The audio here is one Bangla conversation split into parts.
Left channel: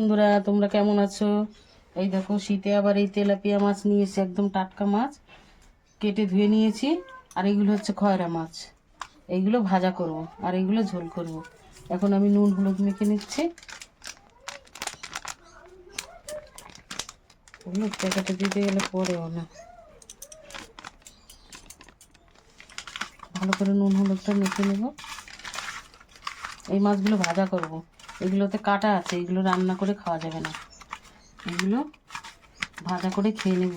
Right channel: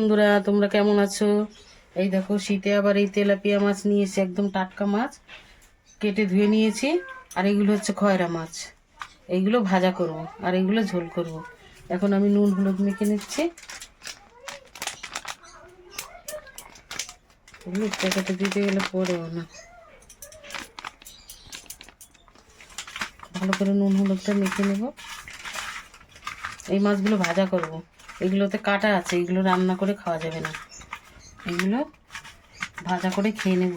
বন্ধুরা, তোমরা কেমন আছো? এই দেখো, শীতে আবার এই তেলাপিয়া মাছ নিয়েছি, একদম টাটকা মাছ, কেটে ধুয়ে নিয়েছি। আর এগুলো হচ্ছে খয়রা মাছ। এইগুলো ভাজা করব আর এইগুলো ঝোল করব। এখন আমি নুন হলুদ মেখে নিচ্ছি। হলুদ প্যাকেটে দিতে গেলে পড়েও না, ভালো করে নুন হলুদটা মেখে নেব। এই মাছগুলো ভাজা করব। এগুলোতে কাঁটা আছে, এগুলো রান্না করে খাওয়া যাবে না, এগুলো ভাজা করে খেয়ে নেব।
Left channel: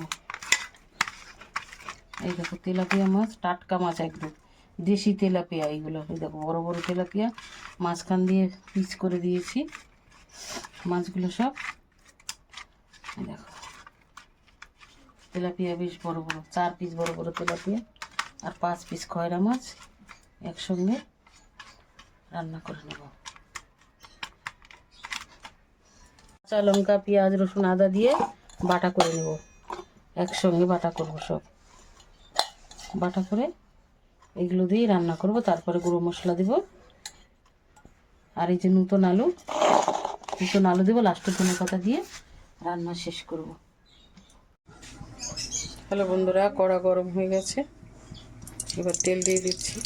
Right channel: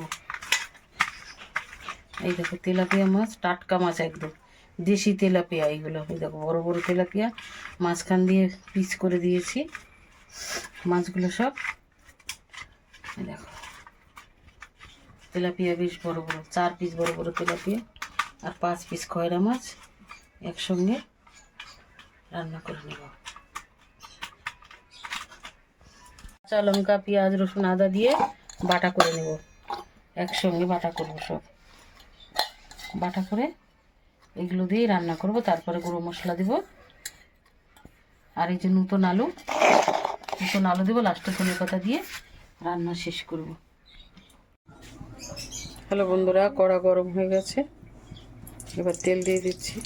এই দেখো, তেলাপিয়া মাছ, টাটকা মাছ, একদম দেশি তেলাপিয়া। এইগুলো এই দেখো, বড় বড় তেলাপিয়া, মাঝখান দিয়ে পিস করে দিয়েছি মাছগুলো সব। এই দেখো, তেলাপিয়া বেশ বড় বড়, 4 পিস বড় বড় তেলাপিয়া আর 5 পিস খয়রা মাছ একসঙ্গে রান্না করে নেব। কাঁচা লঙ্কা, পেঁয়াজ, রসুন, আদা দিয়ে বাটা করে নেব। একসঙ্গে বাটা করব, সব বাটা করে এগুলো দিয়েই রান্না করব। তারপরে গুঁড়ো মশলা দেব। আর এই যে নতুন আলু দেবো লাস্টে, ধনে পাতা দিয়ে রান্না শেষ করব। হ্যালো বন্ধুরা, কড়া গরম হয়ে গেছে, এবার তেল দিয়ে দিচ্ছি।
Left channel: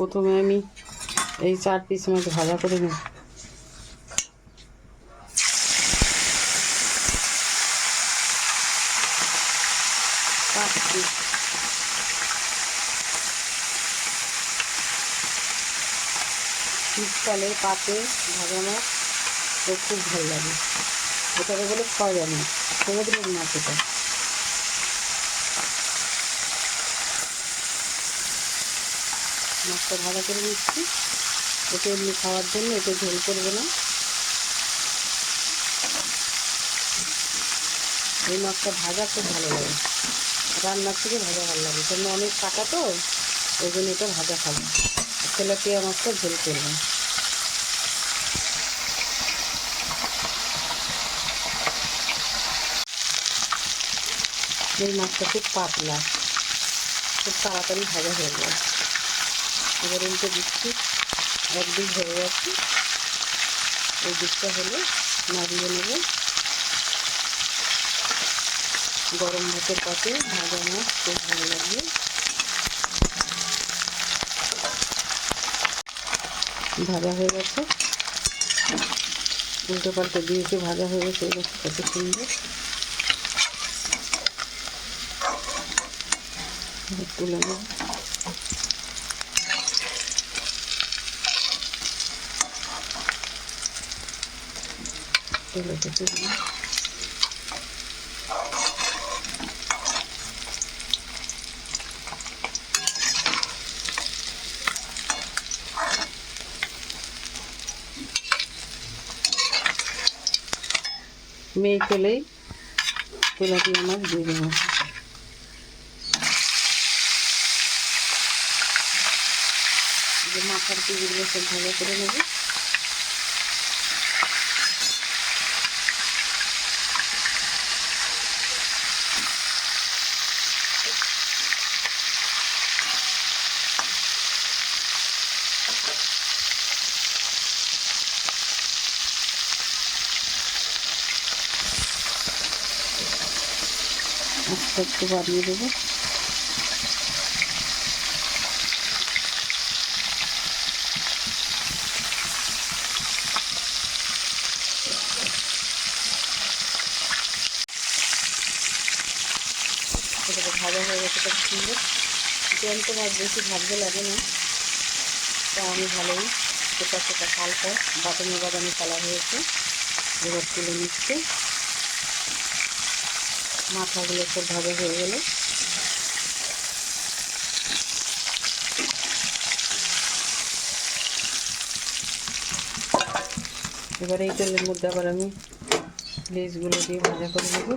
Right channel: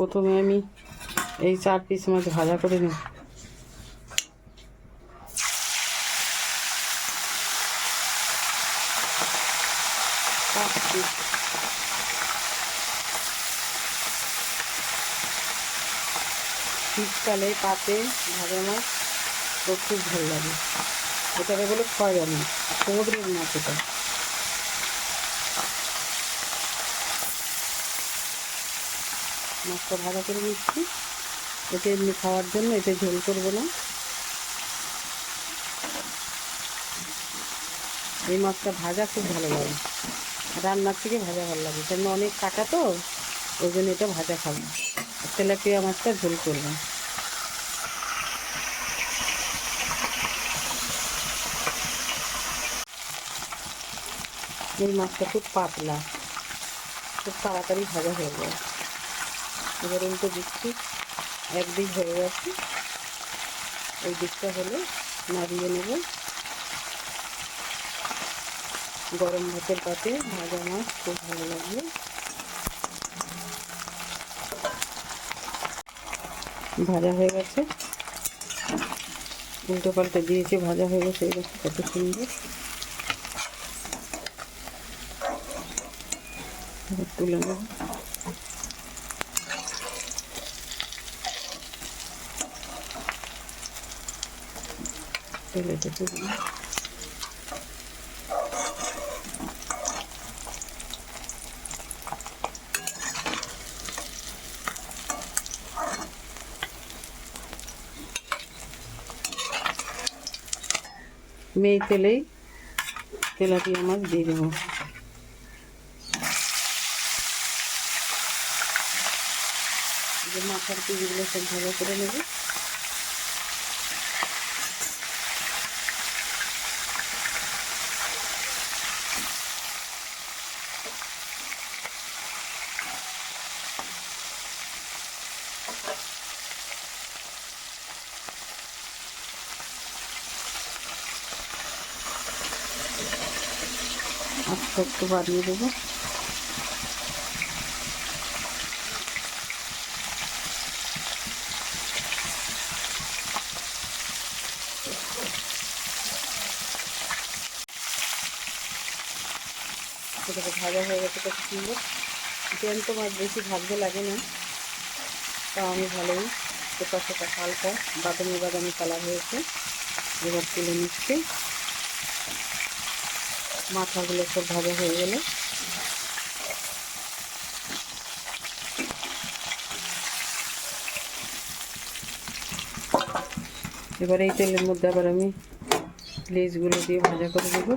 প্রথমে আমি এই 4 পিস মাছ ভাজা করে নেব। শীতকালে পাতে ভাজা মাছ তো খুব ভালো লাগে। এটাকে বলে খয়রা মাছ, সমুদ্রের মাছ এটা। মাছটা ভাজা করে নিচ্ছি, এতে এমনি খাওয়ার জন্য, এতে ঝোল করবো না। এই মাছটা ভাজা খুব ভালো লাগে, রান্নার থেকে ভাজা ভালো লাগে, কেন অনেক কাটা তো, ওই জন্য এটা ভাজা খাবো। তেলাপিয়া মাছটা ঝোল করবো। এই মাছটা খুব পাতলা, খুব তাড়াতাড়ি ভাজা হয়ে যায়। এবার উল্টে দিচ্ছি, একদিক হয়ে গেছে, এই দিকটা হলে নাড়িয়ে নেব। গরম ভাতের পাতে ভাজা মাছ খুব ভালো লাগবে। ভাজা হয়ে গেছে, উল্টো পাল্টে দিয়েছে, ভাজা হয়ে গেছে। এই দেখো কত সুন্দর। তুলে নেব। তেলেতে তুলে মেয়ে তেলেই তেলাপিয়া মাছ দিয়ে দেবো। মাথার পিসগুলো সব ভালো করে নেব। আস্তে একটু বাড়িয়ে দেবো। এটাকে ভাজা হয়ে গেছে কত সুন্দর। জ্যান্ত মাছ বেশি ভাজতে লাগে না, তা আমি ভালোই সেটা হালকা বাদামি বাদামি কালার হয়েছে। এবার তুলে নিচ্ছে। মাথাগুলো সব ভাজা হয়ে গেল। এবার এই তেলের মধ্যে আবার আমি লেজগুলো দিয়ে ভাজা করে দেবো।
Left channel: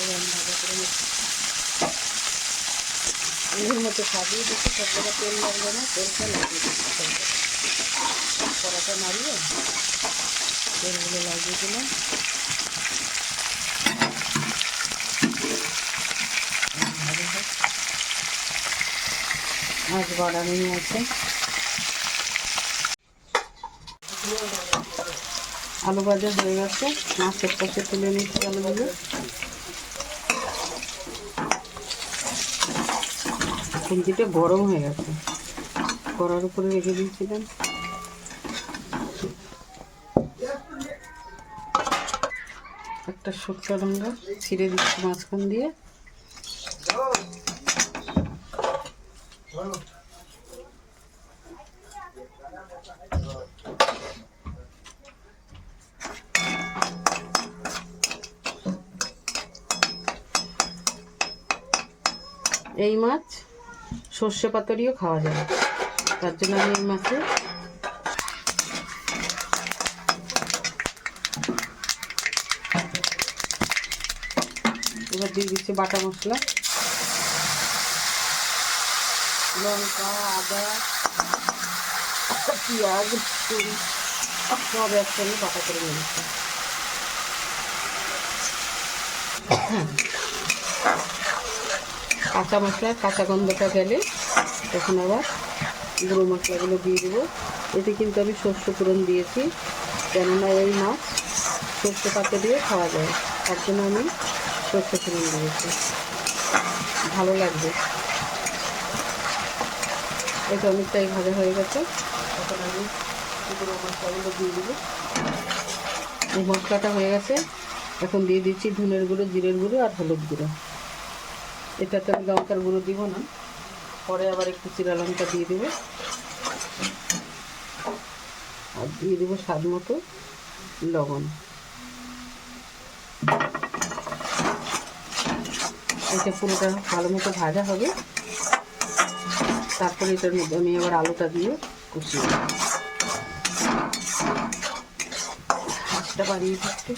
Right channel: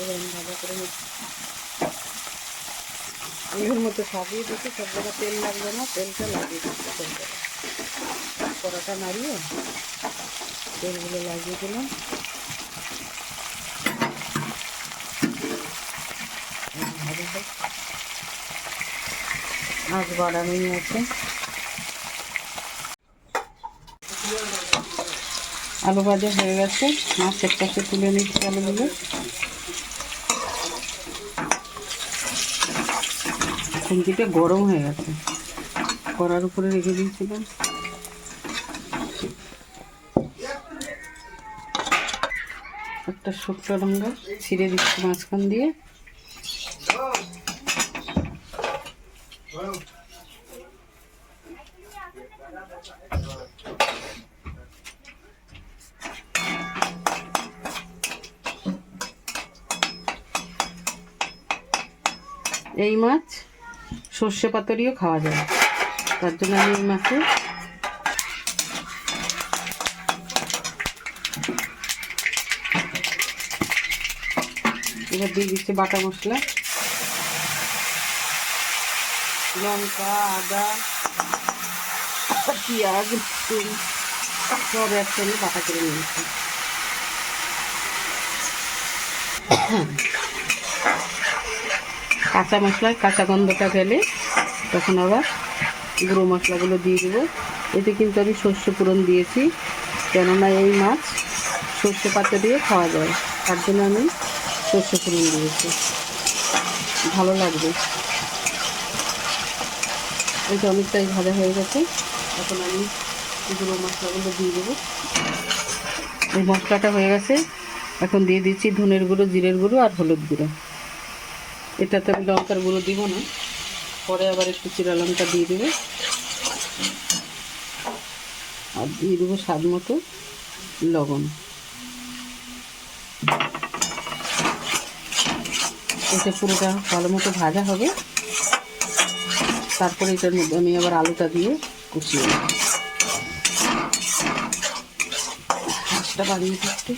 এবার আমি ভাজা করে নিচ্ছি। এর মতো সাজিয়ে দিচ্ছি, সব জায়গায় তেল লাগবে না, তেলটা লাগিয়ে দিচ্ছি। তেলটা কড়াটা নাড়িয়ে তেলগুলো লাগিয়ে দিলাম। মাছ বাড়ানো আছে, আলু ভাজা হয়ে গেছে, মাছ এক পাশে তুলে নিচ্ছি আলুগুলো। খুন্তিটা গরম হয়ে গেছে, কড়ার উপরে রেখে দিয়েছিলাম। একটা শুকনো লঙ্কা ছিঁড়ে দিচ্ছি মাঝখান দিয়ে। এই মাছ সর্ষে পাতুরিও খাওয়া যায়, তার জন্য আমি এই মাছে এবার দিয়ে দিচ্ছি বাটা মশলা, লঙ্কা, আদা, পেঁয়াজ, রসুন সব একসঙ্গে বাটা করে নিয়েছি। কাঁচা মশলার কাঁচা গন্ধটা গেলে তখন আবার গুঁড়ো মশলাগুলো দিয়ে দেবো। এতে কিন্তু আমি সর্ষে ফোড়ন দিয়েছি, কেননা এই মাছ সর্ষে পাতা দিয়ে খাওয়া যায়, তার জন্য আমি সর্ষে ফোড়ন দিয়েছি, ভালো লাগবে। এটা অনেকটাই ভাজা হয়ে গেছে, এখন আমি গুঁড়ো মশলাগুলো দিয়ে দেবো। এই মশলাটা হয়ে গেছে, এখন দিয়ে দিচ্ছি ধনের গুঁড়ো, জিরের গুঁড়ো আর হলুদ গুঁড়ো। এটাতে আমি লঙ্কার গুঁড়ো দিব না, পরে আবার একটু চিরা লঙ্কা দিয়ে দেবো। আর দিয়ে দেবো স্বাদ মতো লবণ। এটা পুরোটা ভালো মতো ভাজা হবে, তারপরে এটা আমি আবার আলুটা দিয়ে কুচিয়ে দেবো। মাছটা বাড়িয়ে থাকতে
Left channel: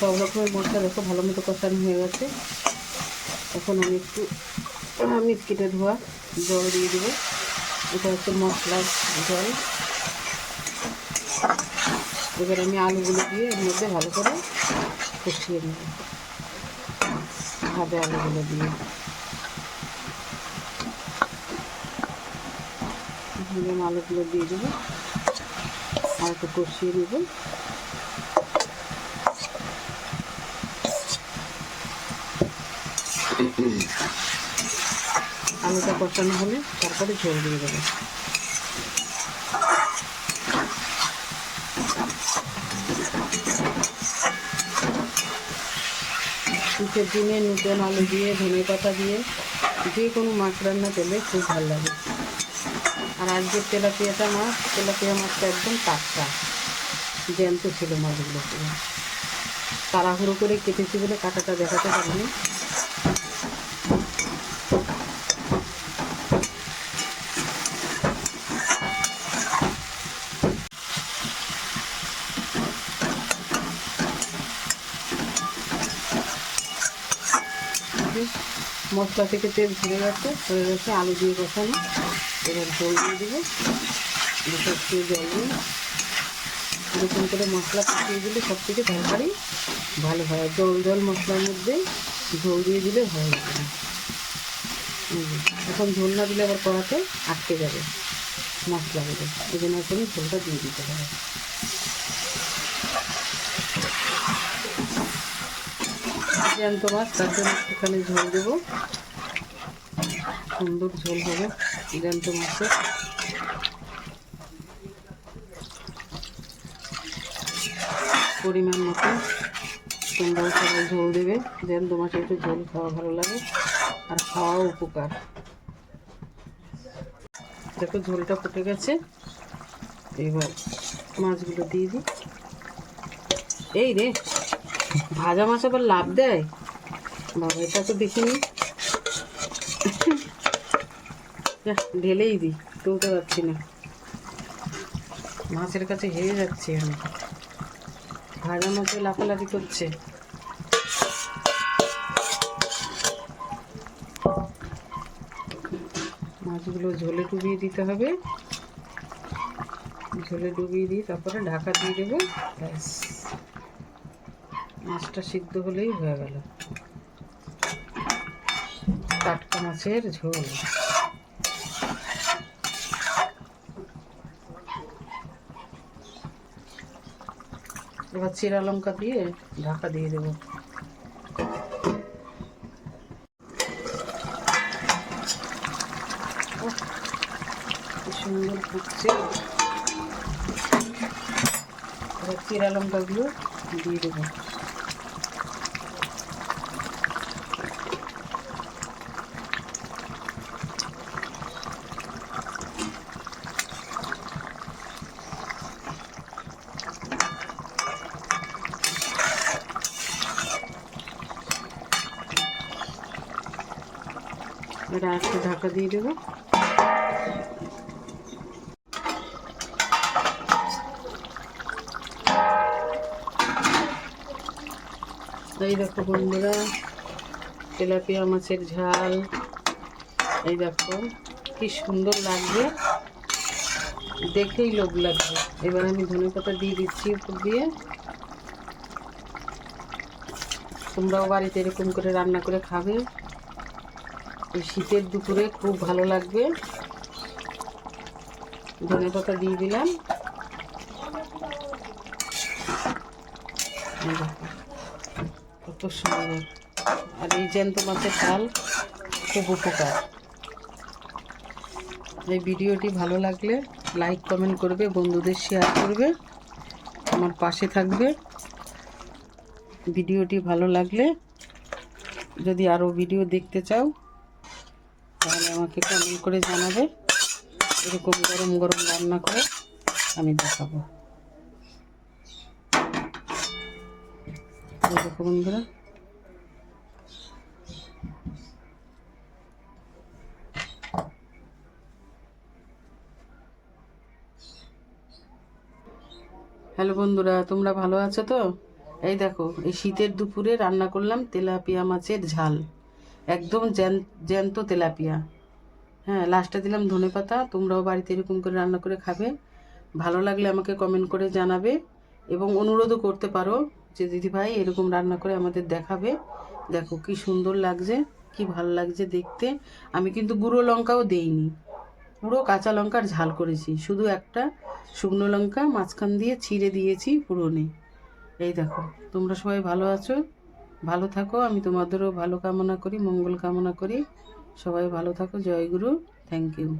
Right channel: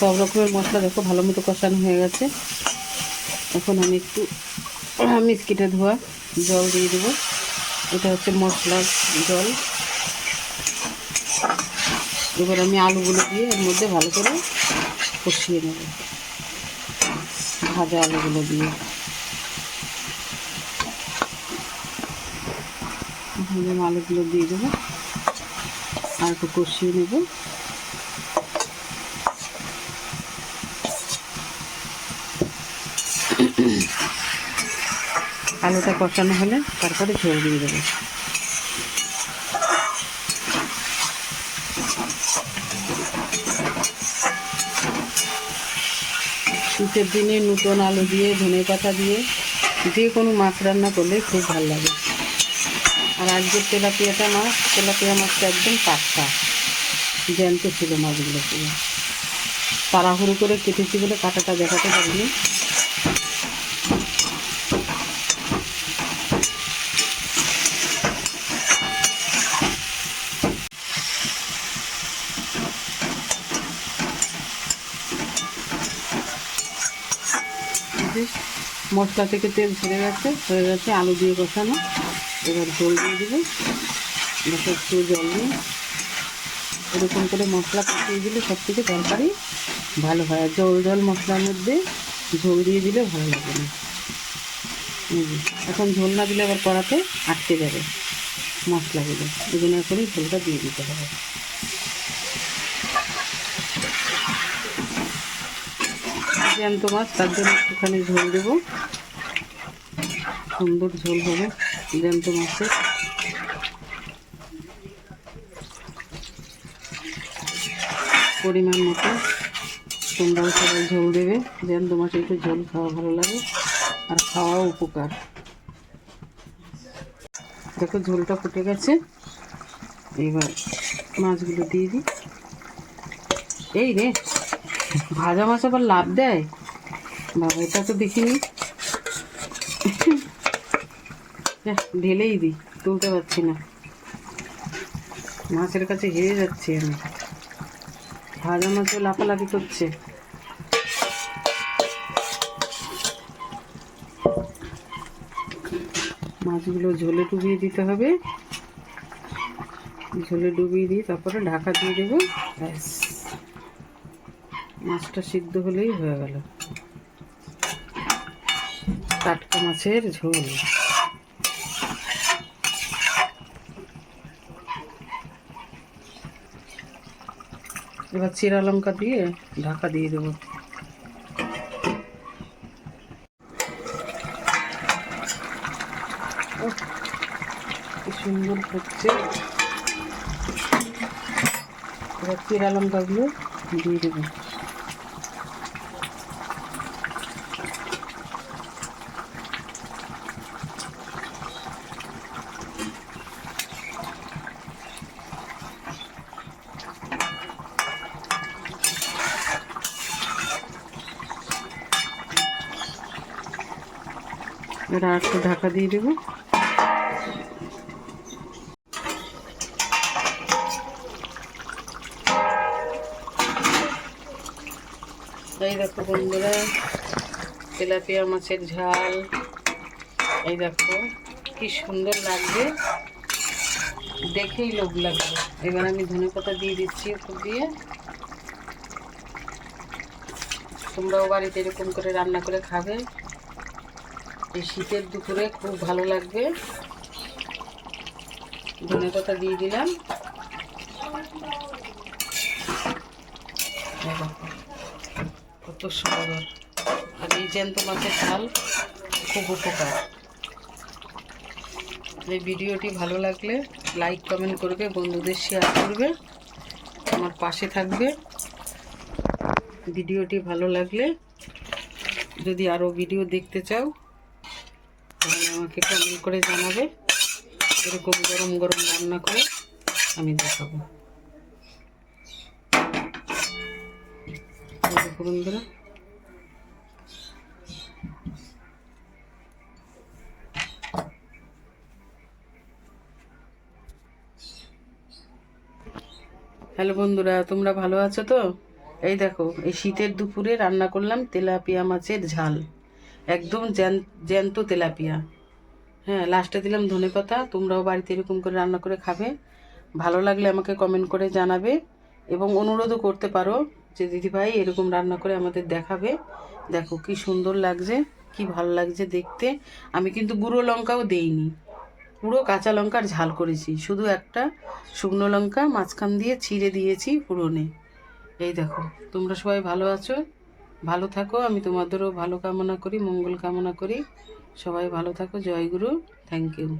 সব রকমের মশলা দেখো ভালো মতো কষানো হয়ে গেছে। এখন আমি একটু মিষ্টিটা ধোয়া জল দিয়ে দেবো, এটা হচ্ছে মশলার জল। এবার আমি আলুগুলো দিয়ে এর মধ্যে ভালো করে কষিয়ে নেব, ভাজা আলুগুলো দিয়ে আলুগুলো দিয়ে দেবো আর একটু কষিয়ে নেব। আলুটা কষানো হলে তারপরে ঝোল দিয়ে দেবো। শীতের দিনে নতুন আলু দিয়ে ধনে পাতা দিয়ে যে কোনো মাছ রান্না করলে খুব ভালো লাগে। আর আজকের তেলাপিয়াটা মাছ, তেলাপিয়া মাছটা একদম টাটকা জ্যান্ত ছিল মাছগুলো, পুরো তাড়াহুড়ো করে কেটেছি বলে কাঁটাটা দেখাতে পারিনি। মশলা থেকে তেল ছেড়ে গেছে, হয়ে গেছে আলু দিয়ে কষানো। এবার জল দিয়ে দেবো, একটু জল দিয়ে এরকম করে মশলা কষিয়ে দিলে সব থেকে তরকারি ভালো হয়। জল জল মশলার মধ্যে ঝোল দিয়ে দিলে ভালো লাগে না। এখন ঝোল না দিলে আবার কড়াতে আটকে যাবে মশলাগুলো, এই জন্য এখনই ঝোলটা দিয়ে দিতে হবে। জ্যান্ত মাছ, তার জন্য একটুখানি ঝোল দেবো, সুন্দর ঝোল হবে জ্যান্ত মাছের। পরিমাণ মতো তোমরাও সবাই ঝোল দেবে, জ্যান্ত মাছে একটু ঝোল খাওয়া ভালো লাগে আর খাওয়াও উপকার। দেখো ঝোলটা ফুটে গেছে, এবার মাছগুলো দিয়ে দিই। এই রে, ভাজা মাছ আবার লাভ দেয় বাবা, এটা তো দেখিনি। ঢেলেই দিই, তুলতে পারছি না। মাছের কাছে হেরে যাচ্ছি আমি, ভাজা মাছও লাফালাফি করছে। মাছগুলো ঝোলে ডুবিয়ে দিতে হবে, ঝোলে ডুবিয়ে দিয়ে তারপরে ঢাকা দিয়ে দেবো। ব্যাস, মাছটা সিদ্ধ হলেই হয়ে গেল টাটকা মাছের ঝোল। এবার চিরা লঙ্কা দিয়ে ঢাকা দিয়ে দেবো। কি সুন্দর হচ্ছে। এবার চিরা লঙ্কাগুলো দিয়ে দেবো। এটা একটু ঢাকা দিয়ে দেবো। এই দেখো বন্ধুরা, তেলাপিয়া মাছের ঝাল, এই দেখো কি সুন্দর লাগবে, দেখেই লোভ লাগবে। এবার আমি ধনেপাতা দিয়ে দিচ্ছি উপর দিয়ে। তোমরাও বাড়িতে এরকম করে রান্না করে খাবে, এই শীতের দুপুরে খুব ভালো লাগবে। ধনেপাতা দিয়ে দিলাম। কত সুন্দর। আর এই জ্যান্ত মাছের ঝাল খুব উপকার। এই ভিডিওটি ভালো লাগলে লাইক কমেন্ট করবে, বন্ধুদের শেয়ার করবে, আমার পাশে থাকবে। ভিডিওটি ভালো লাগলে যদি আরও ভিডিও দেখতে চাও তাহলে আমাকে কমেন্ট করে জানাবে, এরকম গরম গরম রান্না করে আমি দেখাবো। বন্ধুরা, হ্যালো বন্ধুরা, তোমরা ভালো আছো তো? এই দেখো, এই শীতের দুপুরে রান্না করলাম তেলাপিয়া মাছের ঝাল, একদম জ্যান্ত তেলাপিয়া। হ্যাঁ, লাস্টে দিলাম ধনেপাতা। তোমরাও বাড়িতে এরকম করে রান্না করে খাবে। ভালো লাগলে আমাকে কমেন্ট করে জানাবে এবং অনুরোধও করতে পারো যে দিদিভাই এরকম রান্না করে আমাদের দেখাবে। দেখো কি সুন্দর লাগছে, কি ভালো লাগছে দেখতে। আমি কিন্তু গুঁড়ো লঙ্কাও দেইনি, পুরো কাঁচা লঙ্কার ঝাল করেছি, শুধু একটা শুকনো লঙ্কা মাঝখান দিয়ে ছিঁড়ে দিয়েছি ফোড়নে। এই দেখো, তোমরা সবাই ভালো আছো, ভালো থাকো। আমি তোমাদেরও ভালো কামনা করি, মঙ্গল কামনা করি। সবাই ভালো থাকো। জয় গুরু। Thank you.